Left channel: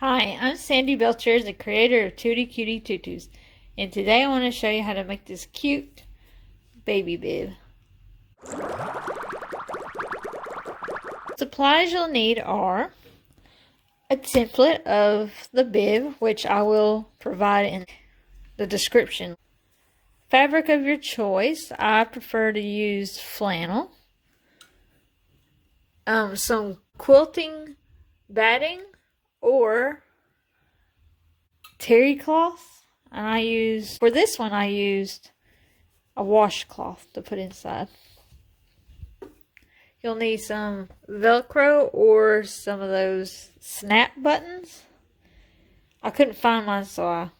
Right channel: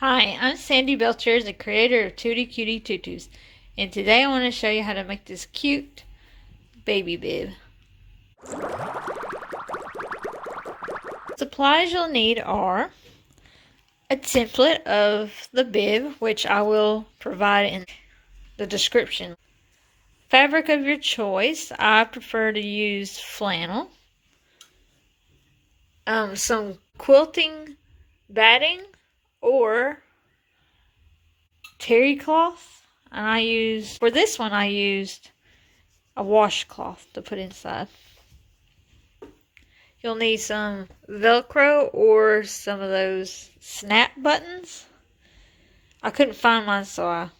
Hi, I'm Sandy Belcher, the creator of Tutie, Cutie, Tutus, and today I want to show you how to make this cute baby bib. Supplies you'll need are a template of the bib, which I will provide in the description. Fabric of your choice. I prefer to use flannel. Some quilting batting or terry cloth. And for this one I used a washcloth to put inside. You'll need some Velcro or some of those snap buttons. I couldn't find mine, so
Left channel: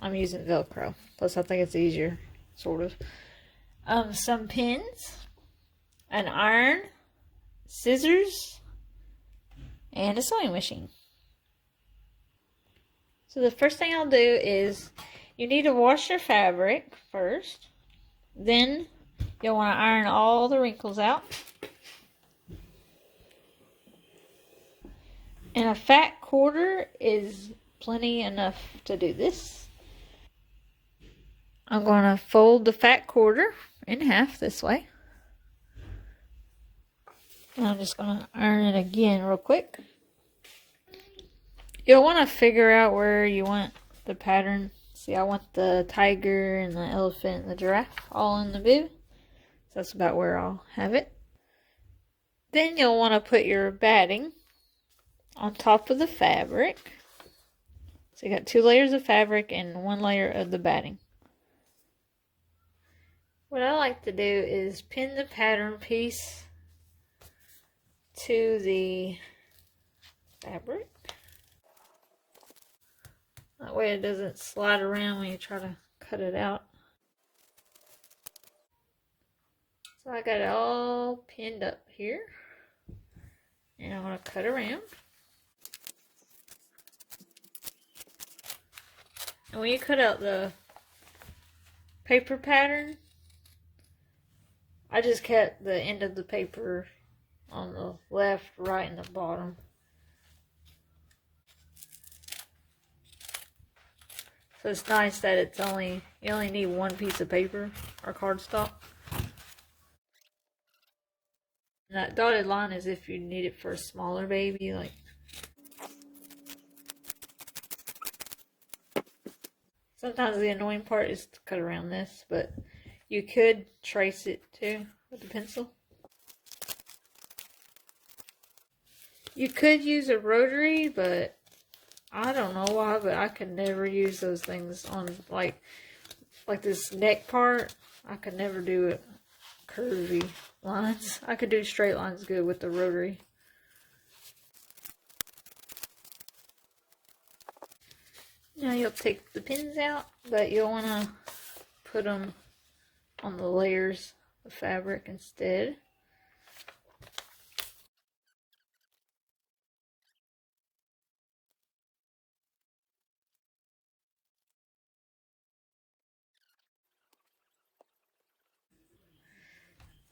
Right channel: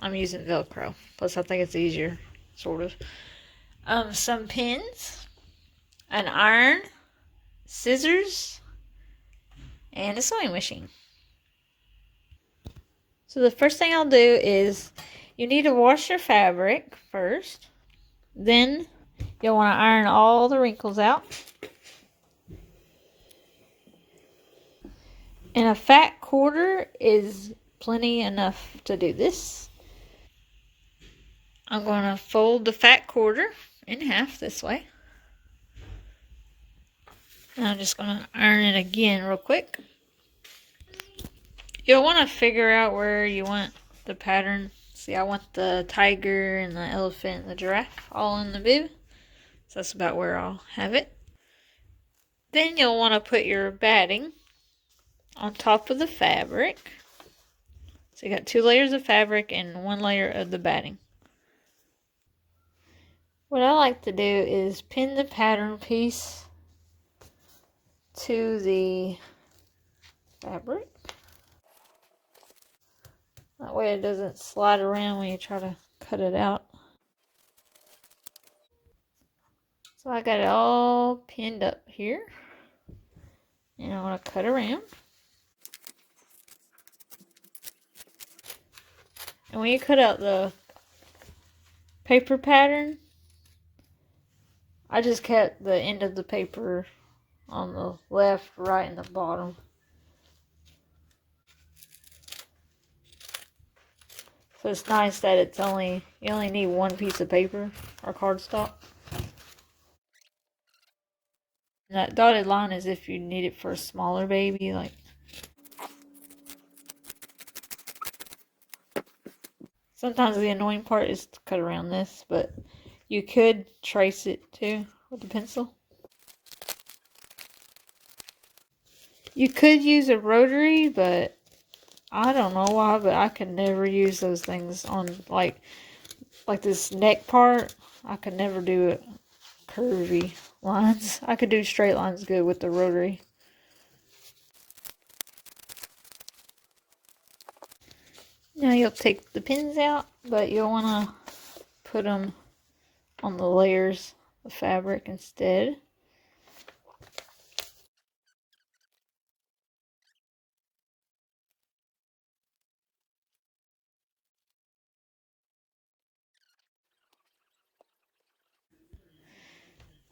I'm using Velcro. Plus, I think it's easier, sort of. Some pins, an iron, scissors, and a sewing machine. So the first thing I'll do is you need to wash your fabric first. Then you'll want to iron all the wrinkles out. And a fat quarter is plenty enough to do this. I'm going to fold the fat quarter in half this way. And I'm just going to iron it again real quick. You'll want to figure out where you want the pattern. See, I want the tiger and the elephant and the giraffe all in the bib. So that's about where I'll have it. Then you'll want to put your batting on top of the fabric. So you got 2 layers of fabric and 1 layer of the batting. What I like to do is pin the pattern piece to the fabric. That way it doesn't slide around when you try to cut it out. So I got it all pinned up here. And I'm going to cut around. And when you cut out the paper pattern, I just cut the end of the paper on the left, right, and the bottom. So it's nice that you only need 1 piece of paper or cardstock. And that dotted line is if you need it for a smaller baby, like. Sometimes the annoying part is to cut around this, but you could trace it too with the pencil. You could use a rotary, but I don't know why, but I could never use those things on like this neck part. I could never do it curvy lines. I could do straight lines good with the rotary. Now you'll take the pins out, but you'll want to put them on the layers of fabric instead.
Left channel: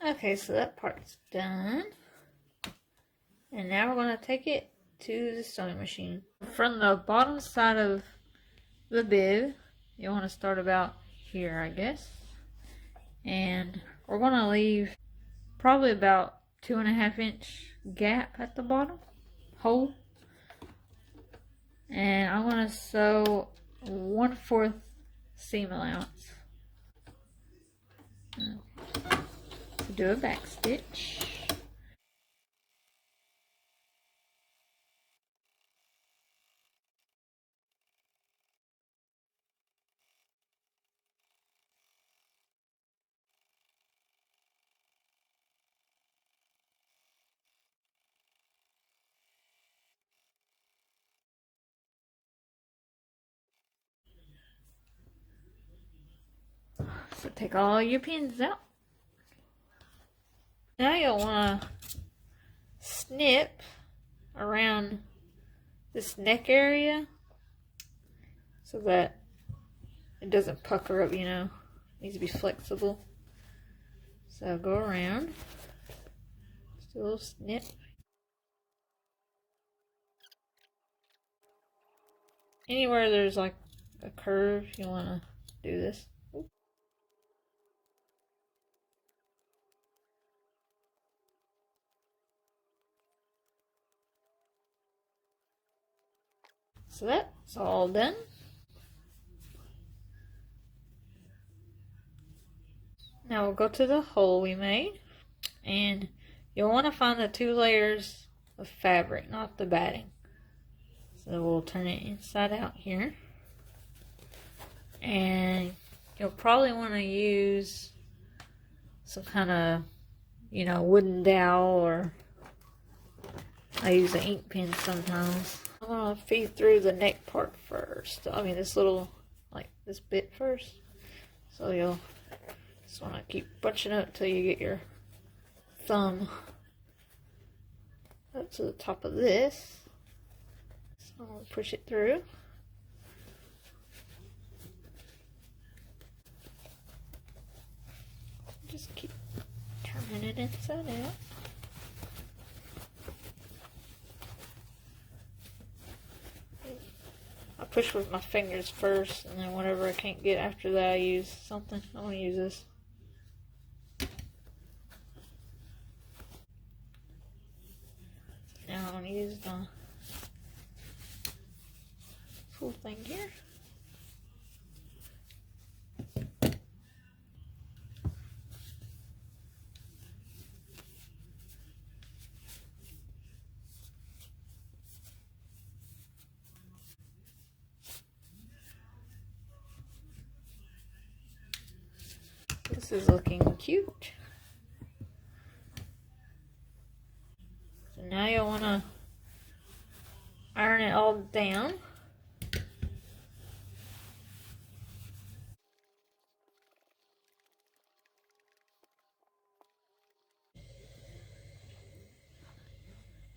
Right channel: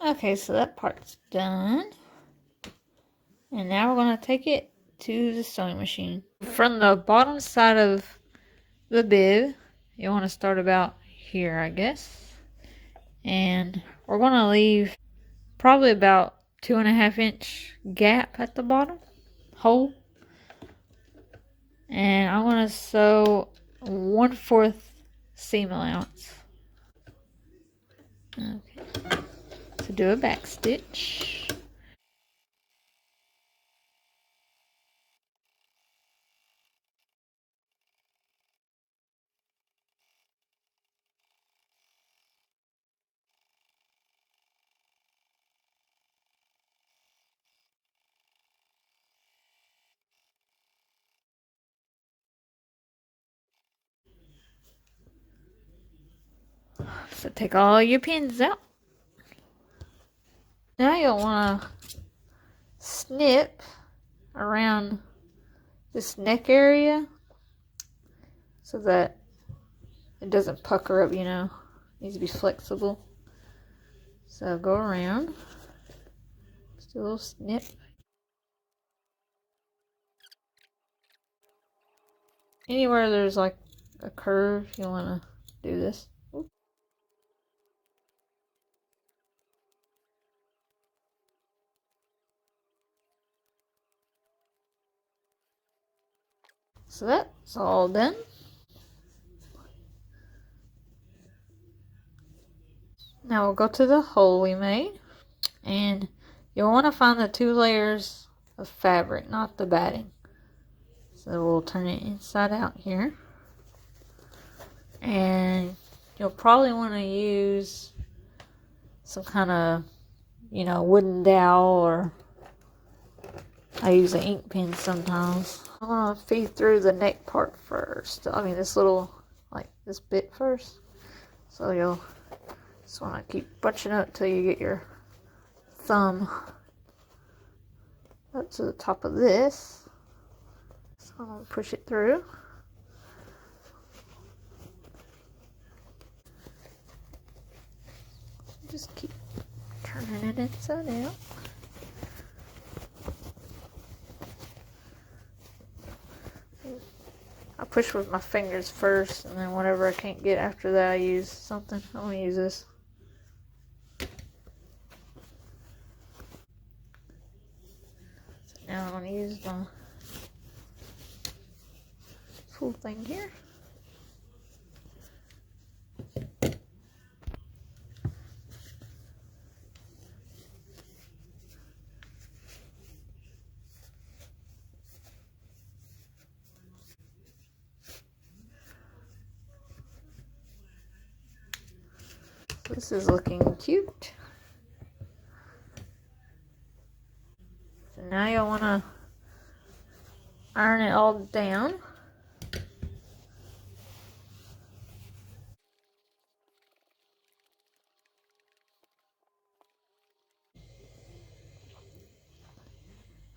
Okay, so that part's done. And now we're going to take it to the sewing machine. From the bottom side of the bib, you want to start about here, I guess. And we're going to leave probably about 2.5 inch gap at the bottom hole. And I'm going to sew 1/4 seam allowance. Okay. So do a back stitch. So take all your pins out. Now you'll want to snip around this neck area so that it doesn't pucker up, It needs to be flexible. So go around, just a little snip. anywhere there's like a curve, you want to do this. Oops. So that's all done. Now we'll go to the hole we made, and you'll want to find the 2 layers of fabric, not the batting. So we'll turn it inside out here, and you'll probably want to use some kind of, you know, wooden dowel, or I use an ink pen sometimes. I'm gonna feed through the neck part first. I mean this little, like this bit first. So you'll just want to keep bunching up till you get your thumb up to the top of this. So I'm gonna push it through. Just keep turning it inside out. I push with my fingers first, and then whatever I can't get after that, I use something. I'm gonna use this. Now I'm gonna use my full thing here. This is looking cute. So now you'll want to iron it all down.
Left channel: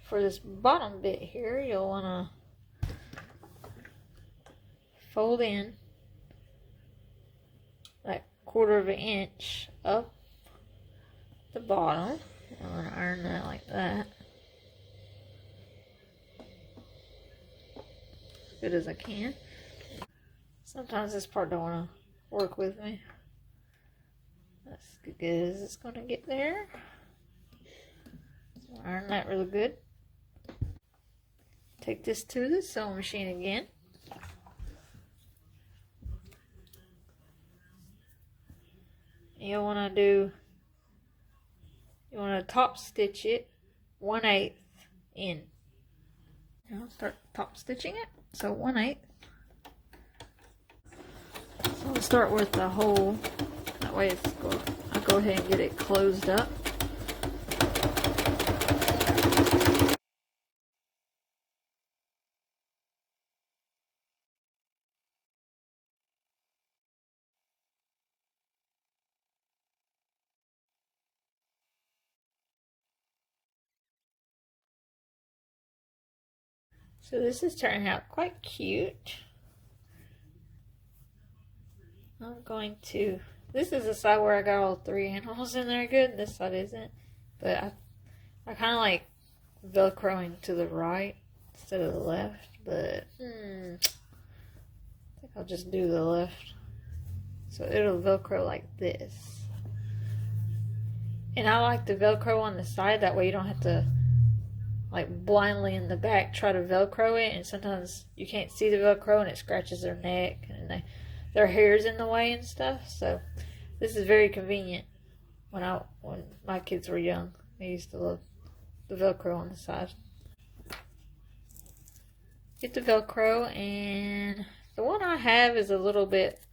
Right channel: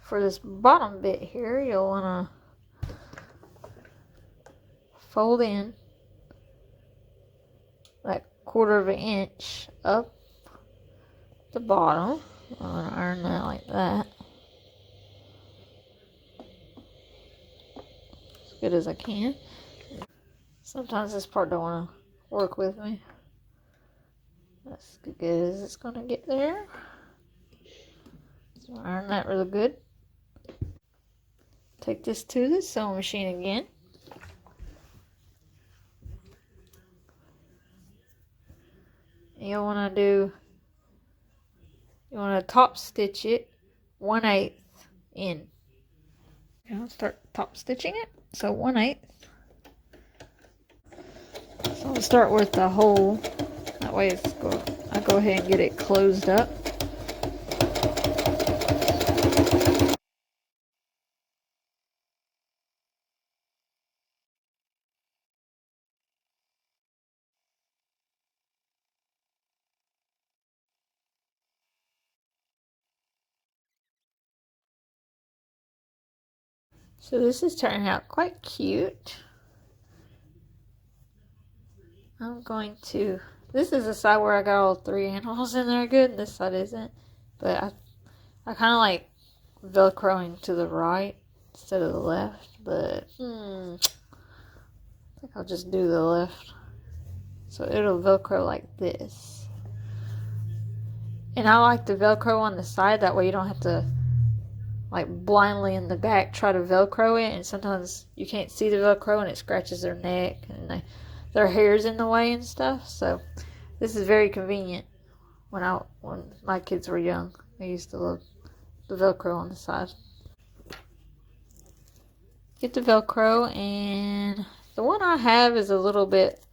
For this bottom bit here, you'll want to fold in that 1/4 of an inch up the bottom. I'm going to iron that like that. As good as I can. Sometimes this part don't want to work with me. That's as good as it's going to get there. So iron that really good. Take this to the sewing machine again. You want to top stitch it 1/8 in. I'll start top stitching it. So 1/8. So I'll start with the hole. That way I'll go ahead and get it closed up. So this is turning out quite cute. I'm going to, this is the side where I got all 3 animals in there good, and this side isn't. But I kind of like Velcroing to the right instead of the left, but I think I'll just do the left. So it'll Velcro like this. And I like the Velcro on the side, that way you don't have to like blindly in the back try to Velcro it, and sometimes you can't see the Velcro and it scratches their neck and their hair's in the way and stuff. So this is very convenient. When my kids were young, I used to love the Velcro on the side. Get the Velcro, and the one I have is a little bit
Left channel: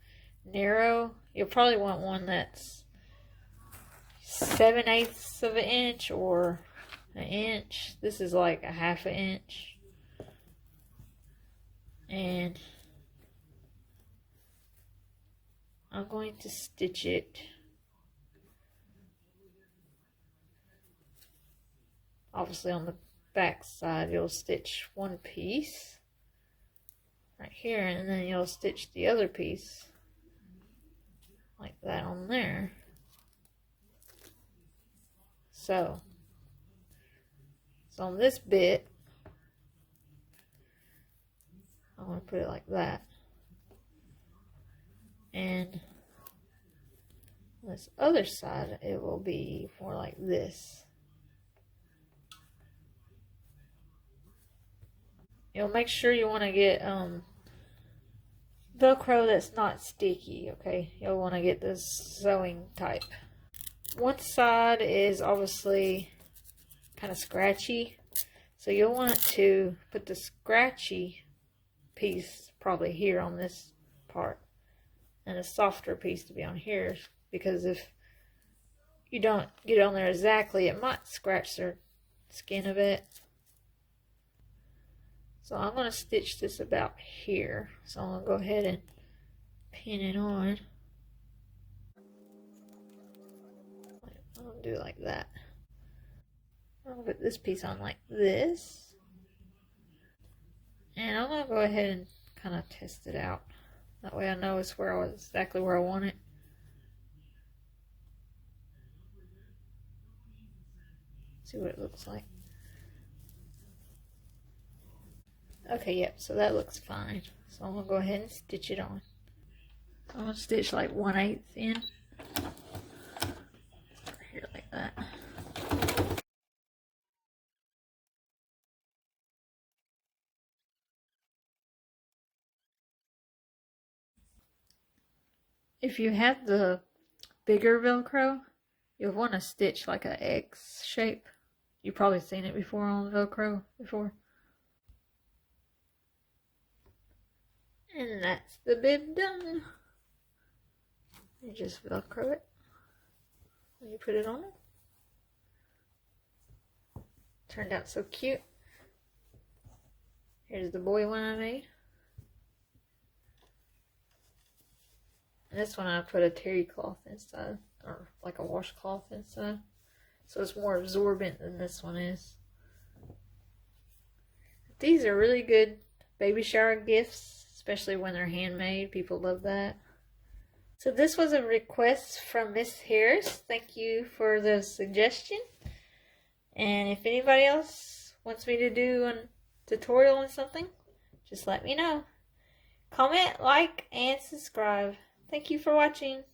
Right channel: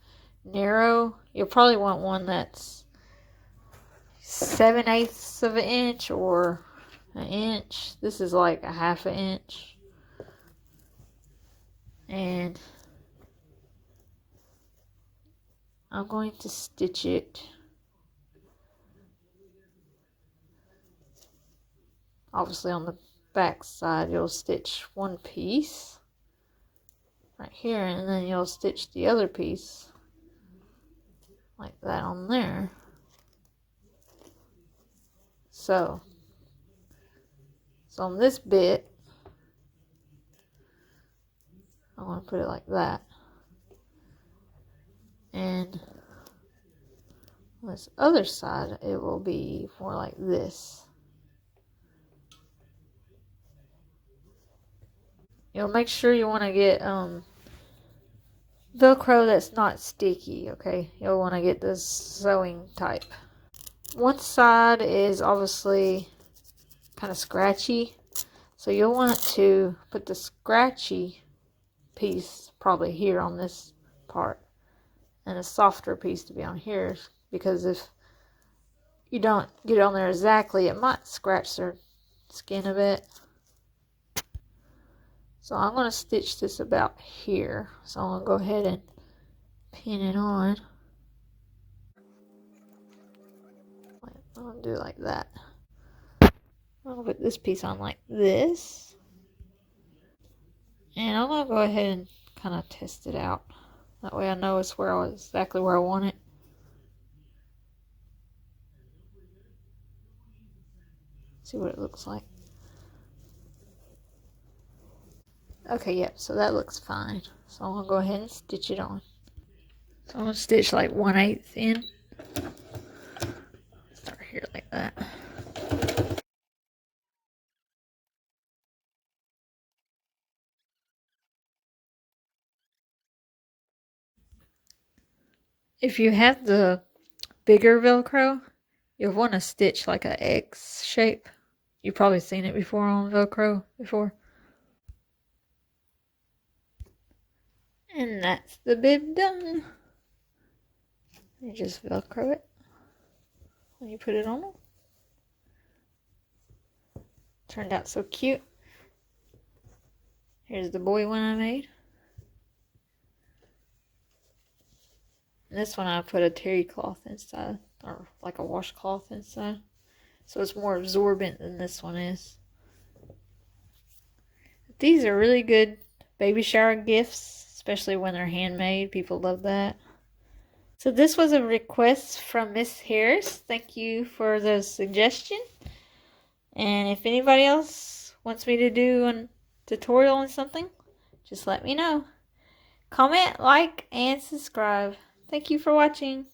narrow. You'll probably want one that's 7/8 of an inch or an inch. This is like 1/2 inch. And I'm going to stitch it. Obviously on the back side you'll stitch one piece right here, and then you'll stitch the other piece like that on there. So on this bit I'm going to put it like that. And on this other side, it will be more like this. You'll make sure you want to get Velcro that's not sticky, okay? You'll want to get this sewing type. One side is obviously kind of scratchy, so you'll want to put the scratchy piece probably here on this part, and a softer piece to be on here, because if you don't get it on there exactly, it might scratch their skin a bit. So I'm going to stitch this about here. So I'm going to go ahead and pin it on. I'm going to do it like that. I'll put this piece on like this. And I'm going to go ahead and kind of test it out. That way I know it's exactly where I want it. See what it looks like. Okay, yep, so that looks fine. So I'm going to go ahead and stitch it on. So I'm going to stitch like 1/8 in. Start here like that. If you have the bigger Velcro, you'll want to stitch like an X shape. You've probably seen it before on Velcro before. And that's the bib done. You just Velcro it when you put it on. Turned out so cute. Here's the boy one I made. This one I put a terry cloth inside, or like a washcloth inside. So it's more absorbent than this one is. These are really good baby shower gifts, especially when they're handmade. People love that. So this was a request from Miss Harris. Thank you for the suggestion. And if anybody else wants me to do a tutorial on something, just let me know. Comment, like, and subscribe. Thank you for watching.